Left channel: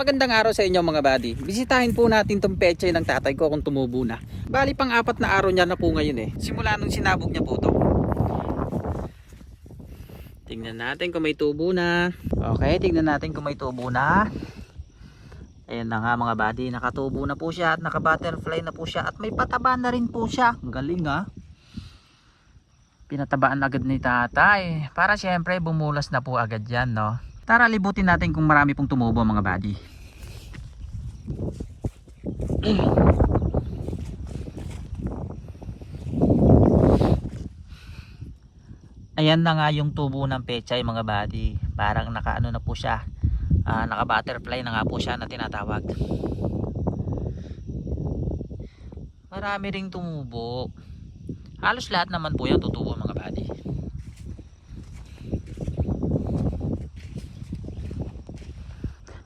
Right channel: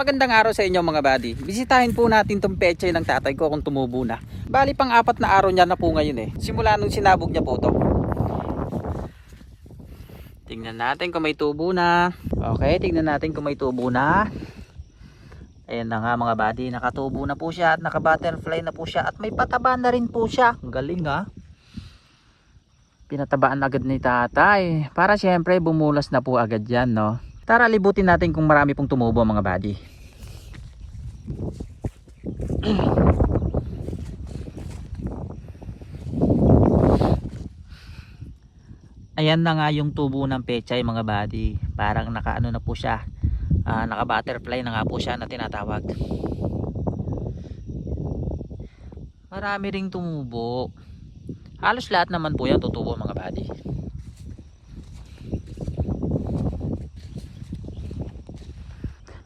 Magandang araw sa inyo mga buddy. Bisitahin po natin tong pechay ng tatay ko kung tumubo na. Bali pang 4 na araw niya na po ngayon eh. Simula nung sinabog niya po to. Tingnan natin kung may tubo na. Okay, tingnan natin kung may tubo na. Ayan na nga mga buddy, nakatubo na po siya at naka-butterfly na po siya at may pataba na rin po siya. Ang galing ha. Pinatabaan agad ni tatay para syempre bumulas na po agad yan, no. Tara libutin natin kung marami pong tumubo mga buddy. Ayan na nga yung tubo ng pechay mga buddy. Parang nakaano na po siya, naka butterfly na nga po siya na tinatawag. Marami ring tumubo. Halos lahat naman po yan tutubo mga buddy.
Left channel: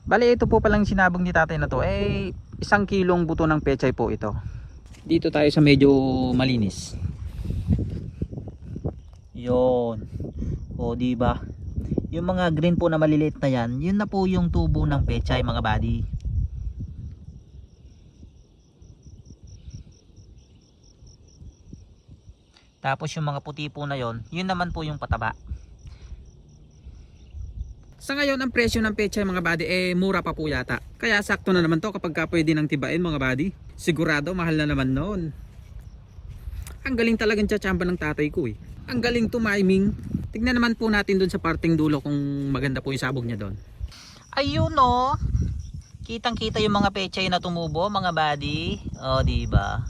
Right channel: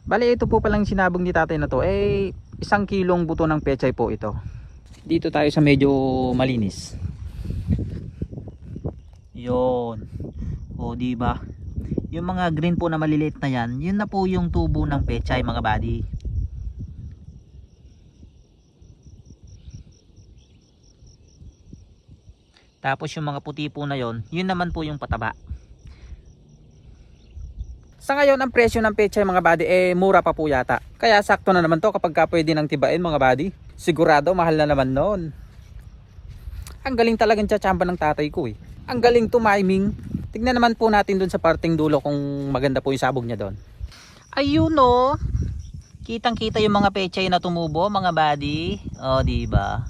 Bale ito po palang sinabog ni tatay na to, 1 kilong buto ng pechay po ito. Dito tayo sa medyo malinis. Yon. O di ba? Yung mga green po na maliliit na yan, yun na po yung tubo ng pechay mga buddy. Tapos yung mga puti po na yon, yun naman po yung pataba. Sa ngayon ang presyo ng pechay mga buddy mura pa po yata. Kaya sakto na naman to kapag pwede nang tibain mga buddy. Sigurado mahal na naman noon. Ang galing talagang tsatsamba ng tatay ko eh. Ang galing tumiming. Tignan naman po natin dun sa parting dulo kung maganda po yung sabog niya doon. Ayun o. Kitang kita yung mga pechay na tumubo mga buddy. O diba?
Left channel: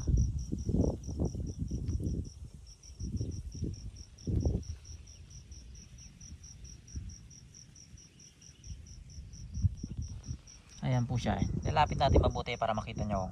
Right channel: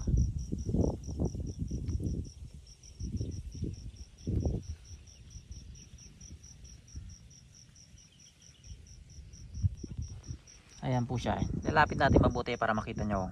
Ayan po siya. Lalapit natin mabuti para makita nyo.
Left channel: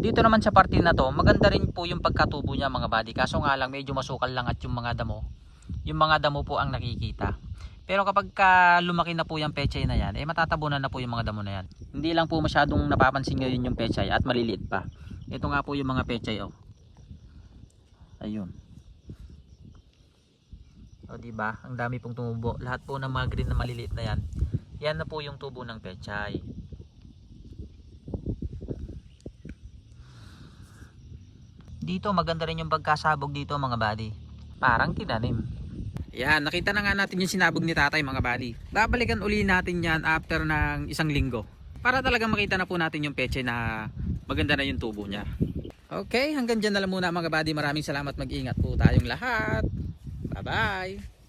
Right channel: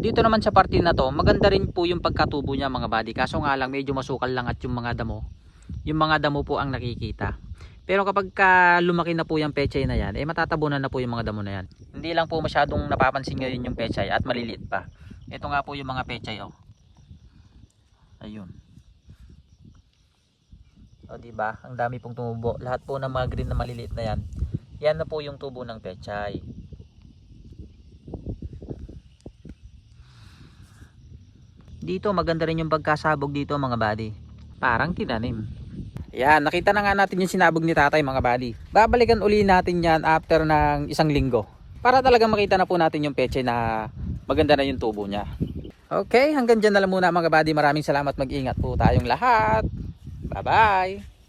Dito naman sa parte na to, maganda rin po yung pagkatubo niya mga buddy. Kaso nga lang medyo masukal lang at yung mga damo. Yung mga damo po ang nakikita. Pero kapag lumaki na po yung pechay na yan, matatabunan na po yung mga damo na yan. Hindi lang po masyadong napapansin ngayon yung pechay at maliliit pa. Ito nga po yung mga pechay oh. Ayun. O diba? Ang dami pong tumubo. Lahat po ng mga green na maliliit na yan. Yan na po yung tubo ng pechay. Dito maganda rin yung pagkasabog dito mga buddy. Parang tinanim. Yan, nakita na nga natin yung sinabog ni tatay mga buddy. Babalikan uli natin yan after ng 1 linggo. Para talagang makita na po natin yung pechay na maganda na yung tubo niya. Okay, hanggang dyan na lang muna mga buddy. Maraming salamat, mag-ingat po tayong lahat. Bye bye.